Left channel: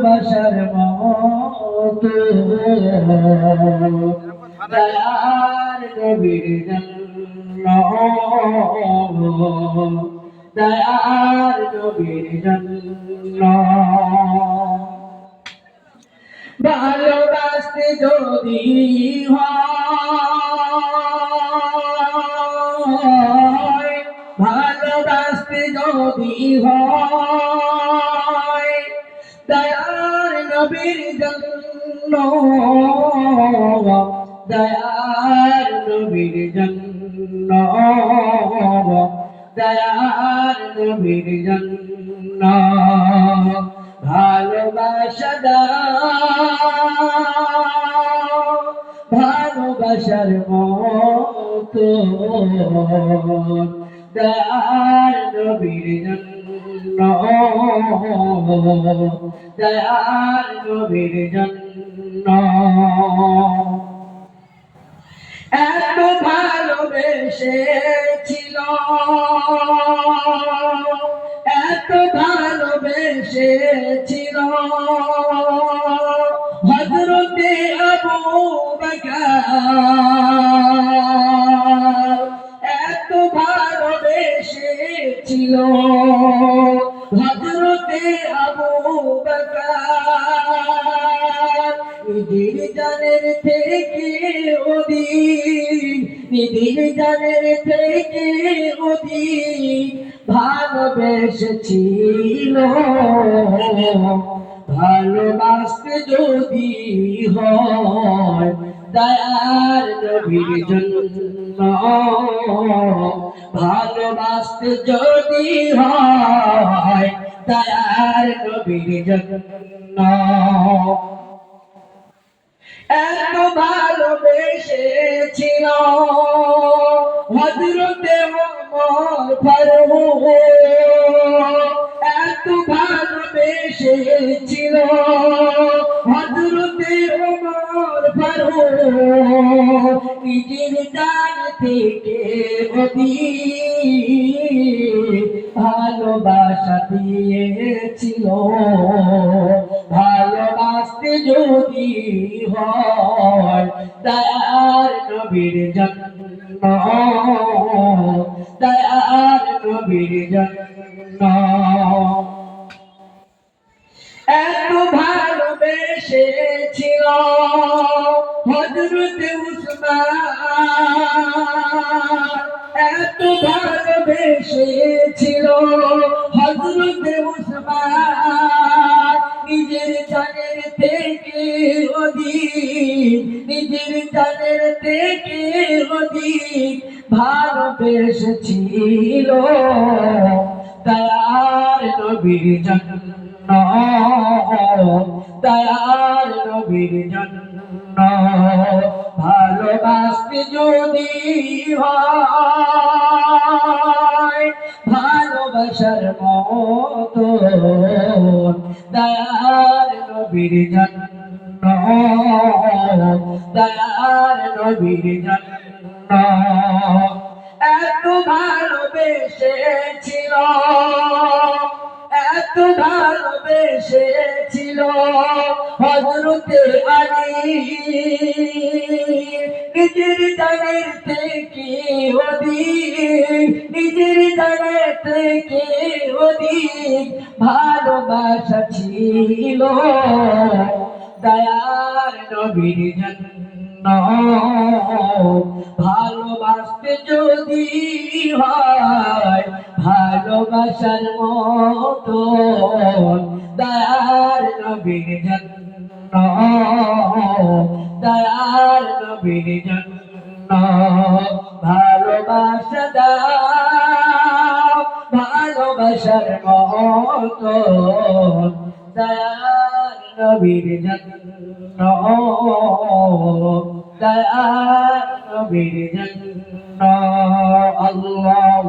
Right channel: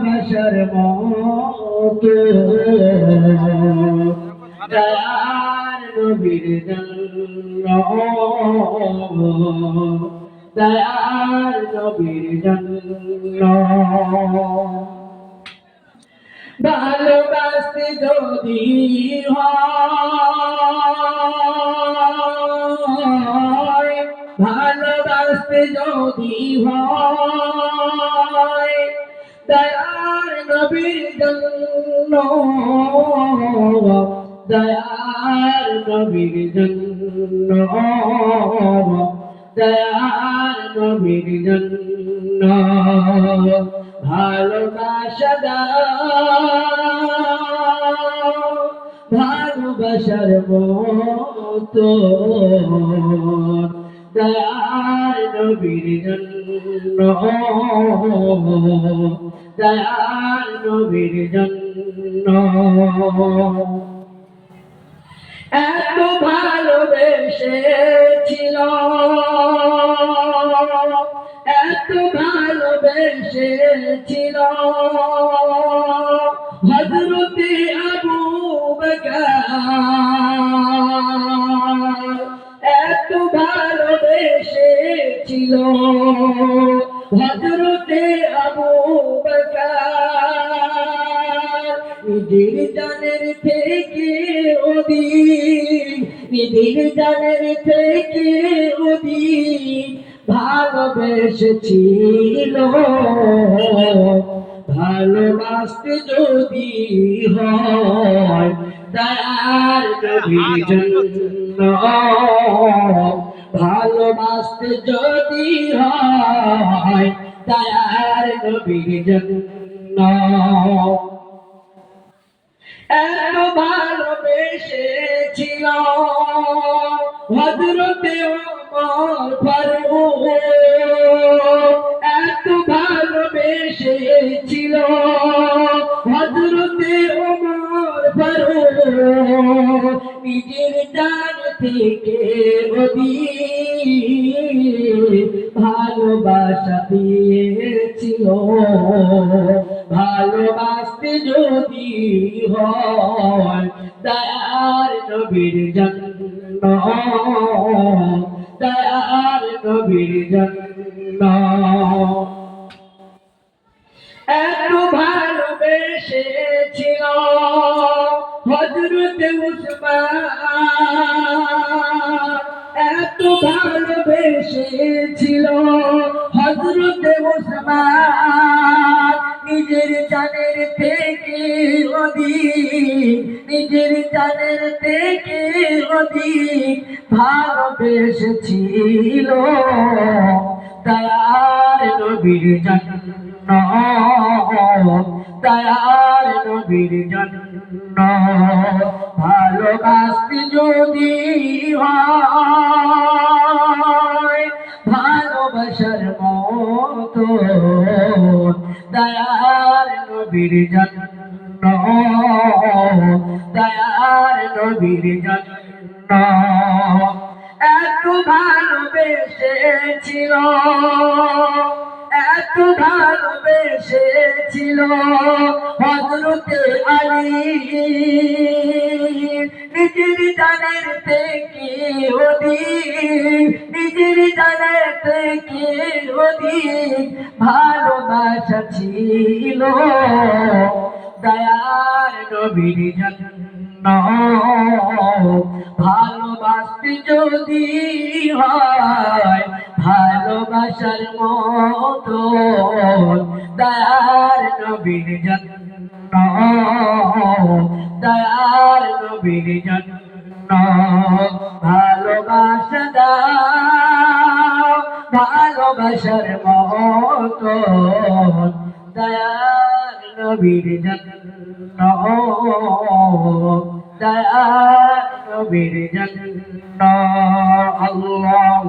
ভালোবাসার মতো দয়ার নবীর জন্য দয়ার নবীর জন্য ভালোবাসতে যদি হয় ভালোবাসতে যদি হয় দয়ার নবীর জন্য দয়ার নবীর জন্য দয়ার নবীর জন্য ভালোবাসা দাও ভালোবাসার মতো দয়ার নবীর জন্য দয়ার নবীর জন্য এত ভালোবেসেছিল এত ভালোবেসেছিল হযরতে আবু বকর এত ভালোবেসেছিল হযরতে আবু বকর নিজের জানের থেকে অধিক নিজের জানের থেকে অধিক ভালোবেসেছিল ভালোবাসতে যদি হয় দয়ার নবীর জন্য ভালোবাসতে যদি হয় দয়ার নবীর জন্য এত ভালোবেসেছিল হযরতে ওমর ফারুক এত ভালোবেসেছিল হযরতে ওমর ফারুক নিজের জান থেকে অধিক ভালোবাসা দিয়েছিল ভালোবাসতে যদি হয় দয়ার নবীর জন্য দয়ার নবীর জন্য এত ভালোবেসেছিল হযরতে উসমান এত ভালোবেসেছিল হযরতে উসমান নিজের জানের থেকে অধিক নিজের জানের থেকে অধিক ভালোবেসেছিল দয়ার নবীর জন্য দয়ার নবীর জন্য ভালোবাসতে যদি হয় ভালোবাসার মতো দয়ার নবীর জন্য দয়ার নবীর জন্য এত ভালোবেসেছিল এত ভালোবেসেছিল হযরতে আলী নিজের জানের থেকে অধিক নিজের জানের থেকে অধিক ভালোবাসা ছিল দয়ার নবীর জন্য ভালোবাসতে যদি হয় ভালোবাসার মতো দয়ার নবীর জন্য দয়ার নবীর জন্য ভালোবাসা দাও ভালোবাসার মতো দয়ার নবীর জন্য দয়ার নবীর জন্য আল্লাহ